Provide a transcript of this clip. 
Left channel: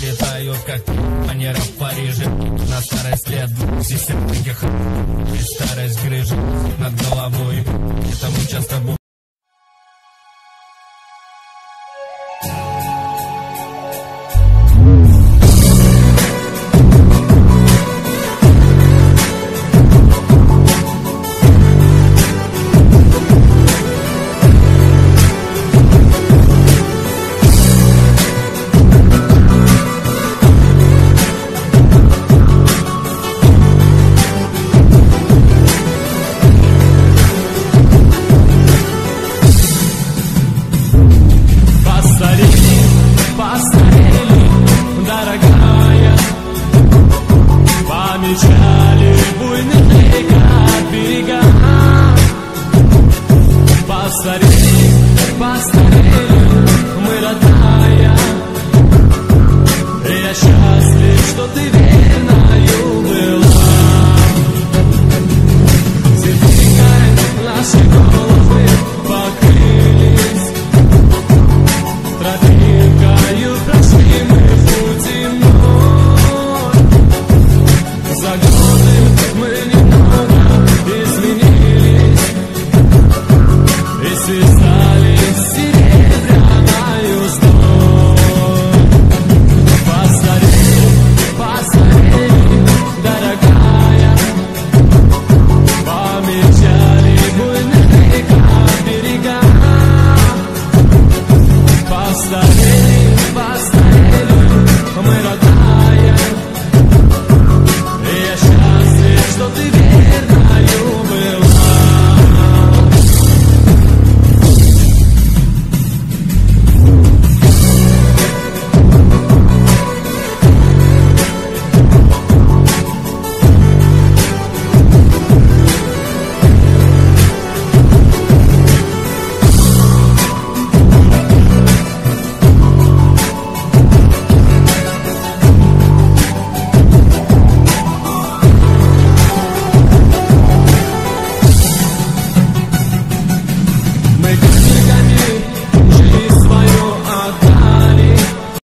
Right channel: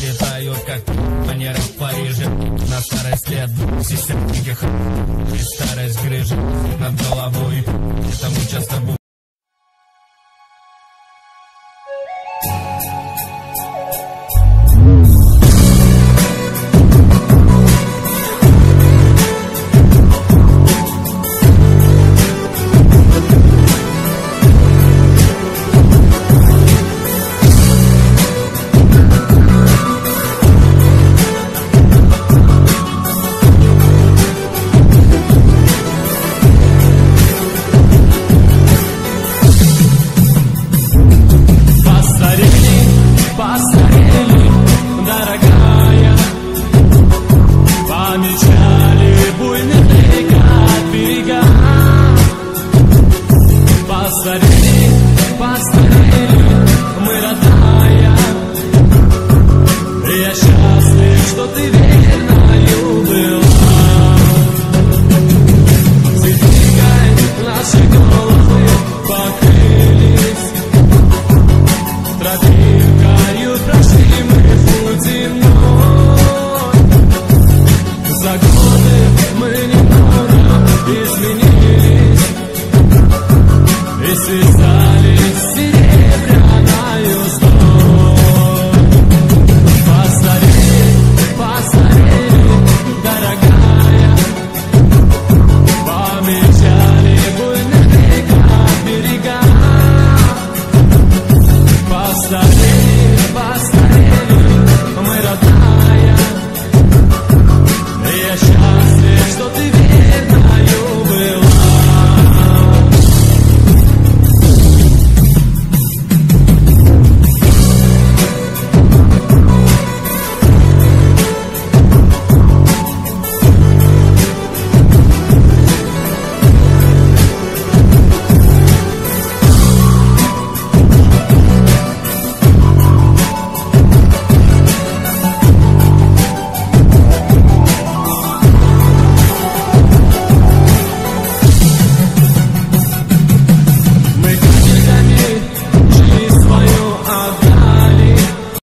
летают, как манера в Париже. На старый след сисятниких и старость грыжи над головой. Это мы часто будем. Постарели, дорогая, помечали буйных рекат берега. Постарели, постарели, мы, родная, я счастлив, что ты верною была. Сединкой наши головы покрылись, тропинкою прошли мы путь земной. За